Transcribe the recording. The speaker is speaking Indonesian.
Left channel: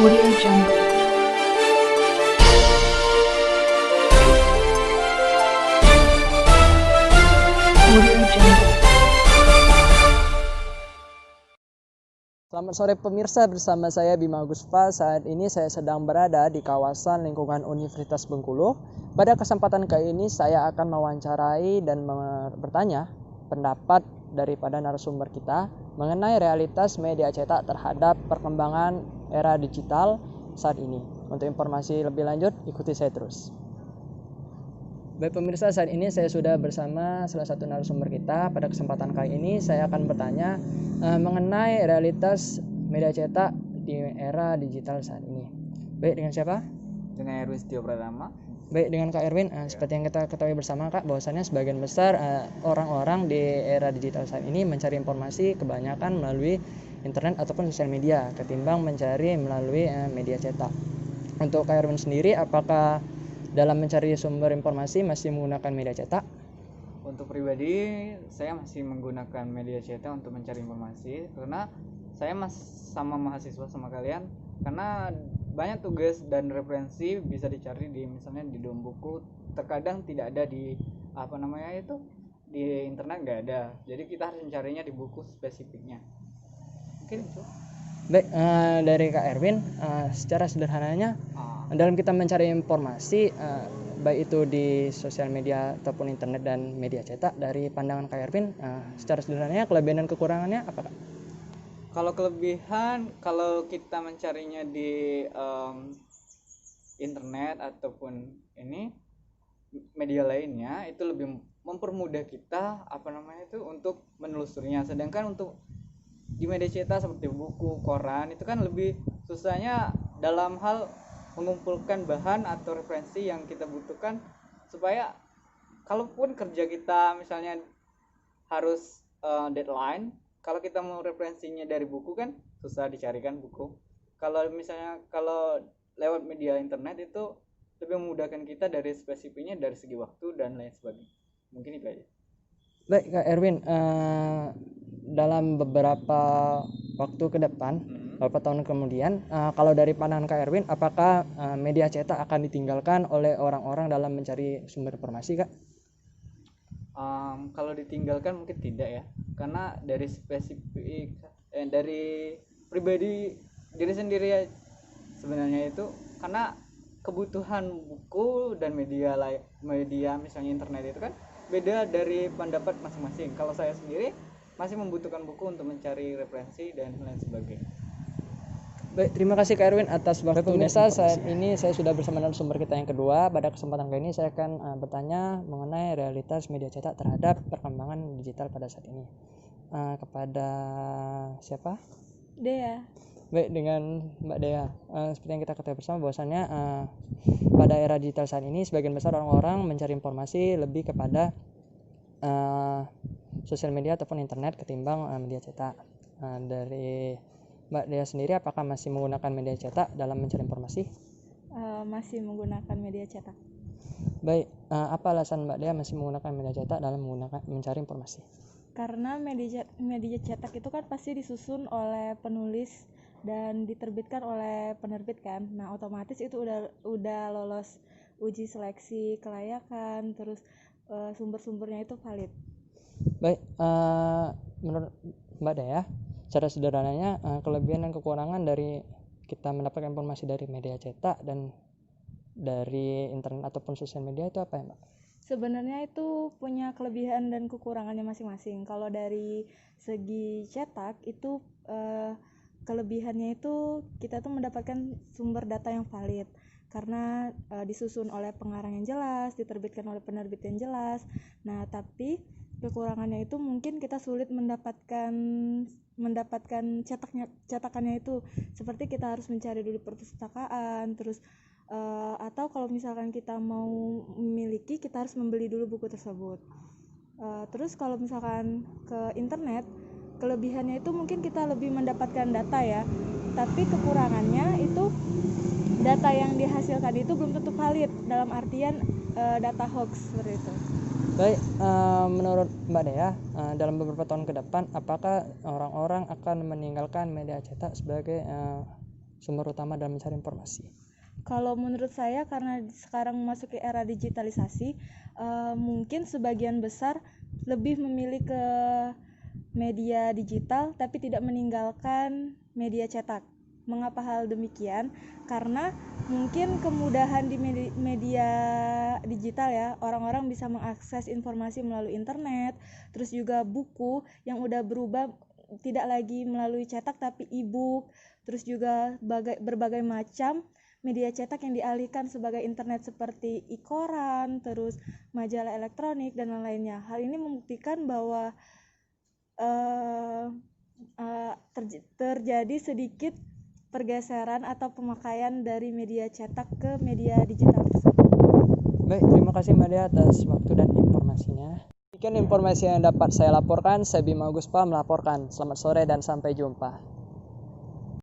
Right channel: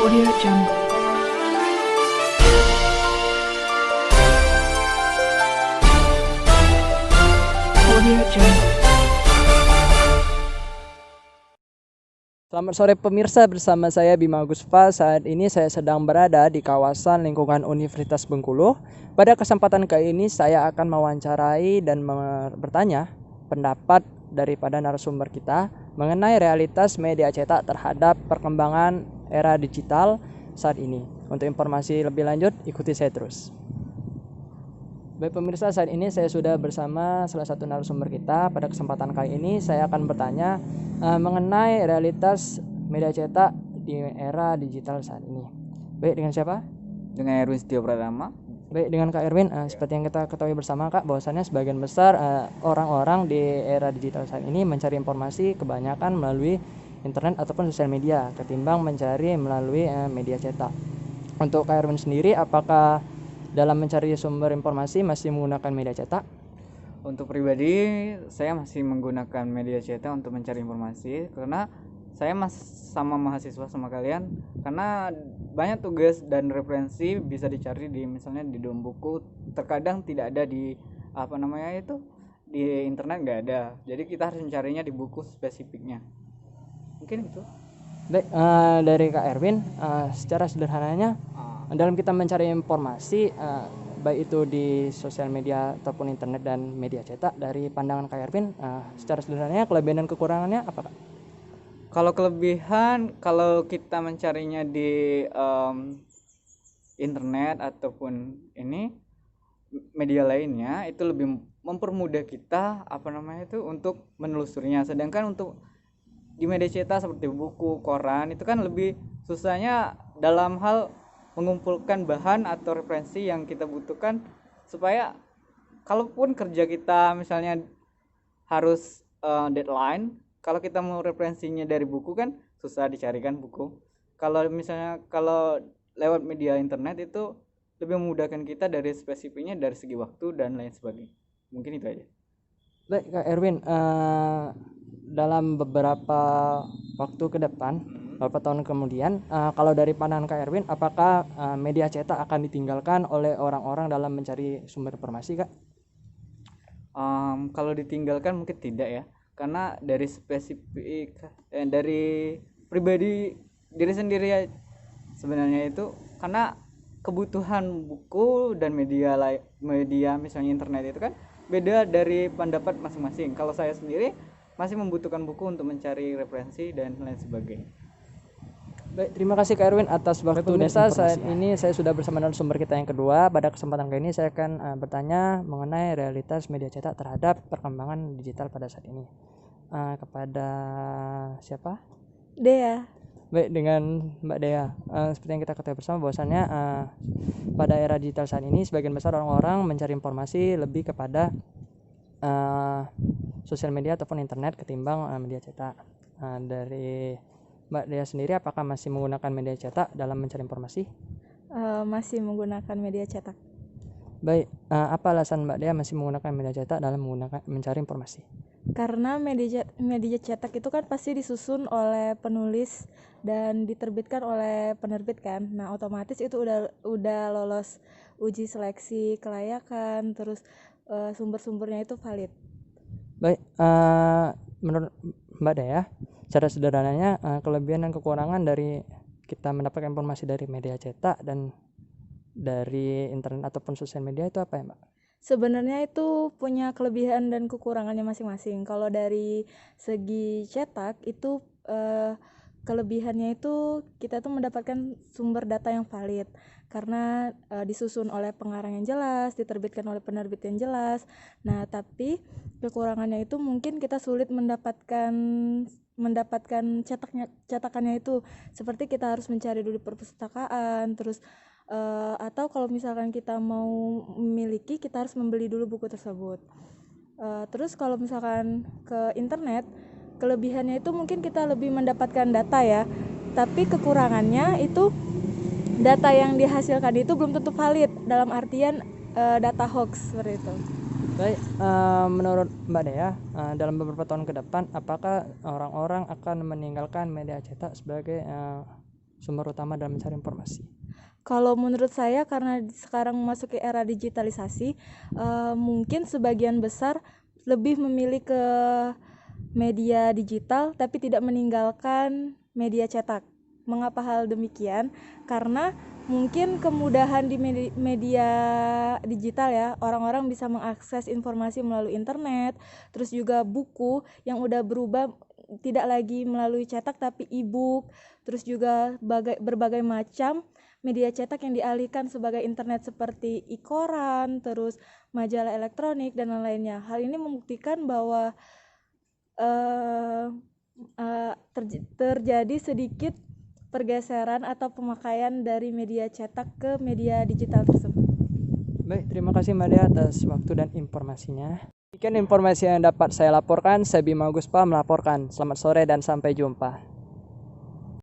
Audio Jungle. Audio Jungle. Selamat sore pemirsa, bersama saya Bima Gusfa. Saat ini saya sedang berada di kawasan lingkungan Universitas Bengkulu. Pada kesempatan kali ini saya akan mewawancarai dan bertanya pendapat daripada narasumber kita mengenai realitas media cetak terhadap perkembangan era digital saat ini. Untuk informasi lebih lanjut, ikuti saya terus. Baik pemirsa, saat ini saya sudah bersama salah satu narasumber kita. Pada kesempatan kali ini saya akan bertanya mengenai realitas media cetak di era digital saat ini. Baik, dengan siapa? Dengan Erwin Setio Pratama. Baik, dengan Kak Erwin. Seperti yang kita ketahui bersama Kak, bahwasannya sebagian besar orang-orang di era digital saat ini mencari informasi kebanyakan melalui internet ataupun sosial media ketimbang mencari melalui media cetak. Untuk Kak Erwin sendiri, apakah dalam mencari sumber informasi masih menggunakan media cetak? Untuk pribadi, saya masih menggunakan media cetak untuk mencari informasi karena saya sama mahasiswa sama kalian, karena banyak tugas dan referensi bisa dicari di misalnya di dalam buku, terkadang tidak ada di di internet, nggak ada, jadi kita harus mencarinya di buku spesifiknya. Mungkin itu. Baik, dari Kak Erwin, secara sederhananya dalam kita mencari informasi baik itu di sosial media ataupun internet dan media cetak, dari pandangan Kak Erwin, secara sederhananya kelebihan dan kekurangannya apa Kak? Kalau kelebihan, kalau kita mencarinya di internet ataupun ini media lainnya, itu lebih mempermudah kita untuk menelusurinya. Sedangkan untuk di media cetak seperti buku, koran, itu kan lebih susahnya dalam hal mengumpulkan bahan atau referensi yang kita butuhkan, supaya kalaupun kerja kita misalnya harus deadline, kalau kita mau referensinya dari buku kan susah dicarikan buku. Kalau lewat media internet itu lebih memudahkan kita dari spesifiknya, dari segi waktu dan lain sebagainya. Mungkin itu aja. Baik Kak Erwin, dalam beberapa waktu ke depan, beberapa tahun kemudian, kalau dari pandangan Kak Erwin, apakah media cetak akan ditinggalkan oleh orang-orang dalam mencari sumber informasi Kak? Kalau ditinggalkan mungkin tidak ya, karena dari spesifik dari pribadi diri sendiri ya, sebenarnya itu karena kebutuhan buku dan media misalnya internet itu kan beda dari pendapat masing-masing. Kalau saya sendiri masih membutuhkan buku untuk mencari referensi dan lain sebagainya. Baik, terima kasih Kak Erwin atas waktu dan informasinya. Saat ini saya sudah bersama narasumber kita yang kedua. Pada kesempatan kali ini saya akan bertanya mengenai realitas media cetak terhadap perkembangan digital pada saat ini. Kepada siapa? Dea. Baik, dengan Mbak Dea. Seperti yang kita ketahui bersama bahwasannya pada era digital saat ini sebagian besar orang-orang mencari informasi lebih kepada sosial media ataupun internet ketimbang media cetak. Dari Mbak Dea sendiri, apakah masih menggunakan media cetak dalam mencari informasi? Masih menggunakan media cetak. Baik, apa alasan Mbak Dea masih menggunakan media cetak dalam mencari informasi? Karena media cetak itu kan pasti disusun oleh penulis dan diterbitkan oleh penerbit kan. Nah, otomatis itu udah lolos uji seleksi kelayakan, terus sumber-sumbernya itu valid. Baik, menurut Mbak Dea, secara sederhananya kelebihan dan kekurangan dari kita mendapatkan informasi dari media cetak dan dari internet ataupun sosial media itu apa ya Mbak? Sebenarnya itu punya kelebihan dan kekurangannya masing-masing. Kalau dari segi cetak itu kelebihannya itu kita tuh mendapatkan sumber data yang valid karena disusun oleh pengarang yang jelas, diterbitkan oleh penerbit yang jelas. Nah, tapi kekurangannya itu mungkin kita sulit mendapatkan cetakannya itu, seperti kita harus mencari dulu perpustakaan, terus atau kalau misalkan kita mau memiliki, kita harus membeli dulu buku tersebut. Terus kalau misalkan ke internet, kelebihannya itu mungkin kita lebih mendapatkan data ya, tapi kekurangannya itu data yang dihasilkan itu belum tentu valid, dalam artian data hoax seperti itu. Baik, menurut Mbak Dea, dalam beberapa tahun ke depan, apakah orang-orang akan meninggalkan media cetak sebagai sumber utama dalam mencari informasi? Kalau menurut saya, karena sekarang memasuki era digitalisasi, mungkin sebagian besar lebih memilih ke media digital tapi tidak meninggalkan media cetak. Mengapa hal demikian? Karena mungkin kemudahan di media digital ya, orang-orang bisa mengakses informasi melalui internet, terus juga buku yang udah berubah tidak lagi melalui cetak tapi e-book, terus juga berbagai macam media cetak yang dialihkan sebagai internet seperti e-koran, terus majalah elektronik dan lain-lainnya. Hal ini membuktikan bahwa terjadi sedikit pergeseran atau pemakaian dari media cetak ke media digital tersebut. Baik, terima kasih Mbak Dea atas waktu dan informasinya. Demikian informasi yang dapat saya laporkan. Saya Bima Guspa melaporkan. Selamat sore dan sampai jumpa.